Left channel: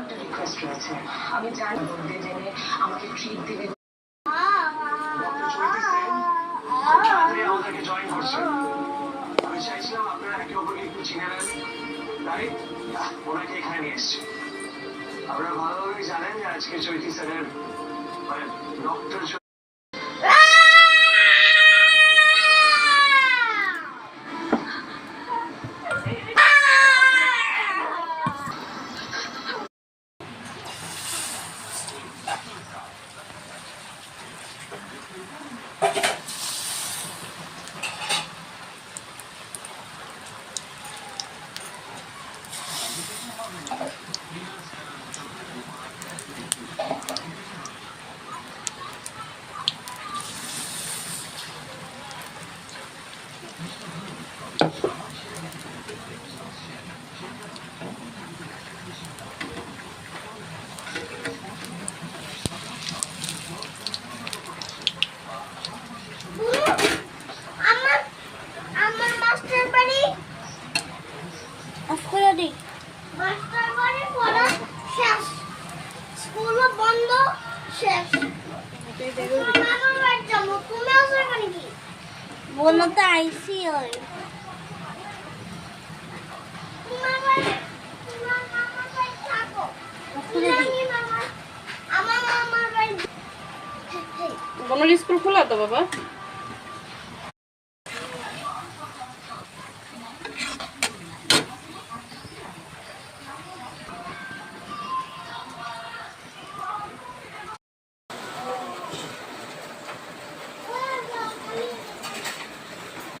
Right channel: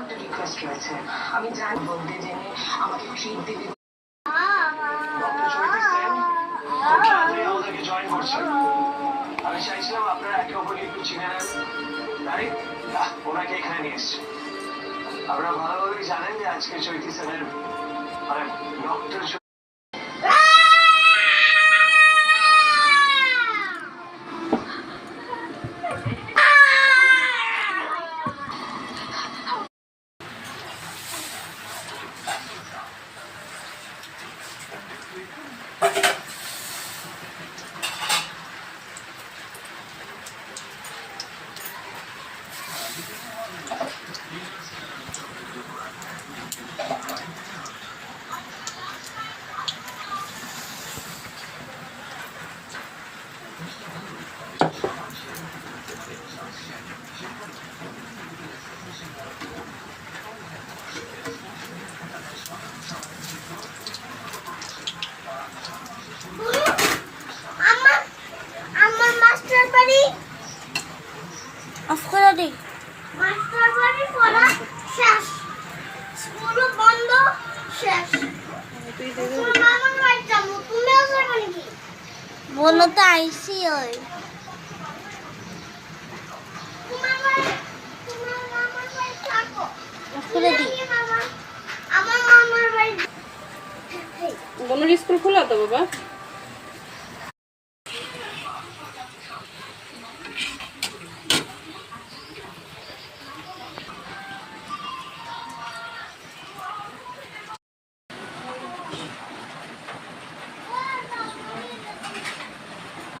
একটা রিকোয়েস্ট রয়েছে, আমি জানি বলতে জেনে আমাকে ট্রিট দিবি। আমাদেরকে জয়েন করছেন, আমি চাইছিলাম আপনারা একে অপরকে একটু চিনে নেন, তাই ওনাকে এখানে নিয়ে এসছি। আপনারা ভালোভাবেই জানেন যে আজকে চৈতি স্যারের মানে ডক্টর বলো তো আইসি ওই বোনের স্কুল খোলা তো বাবা?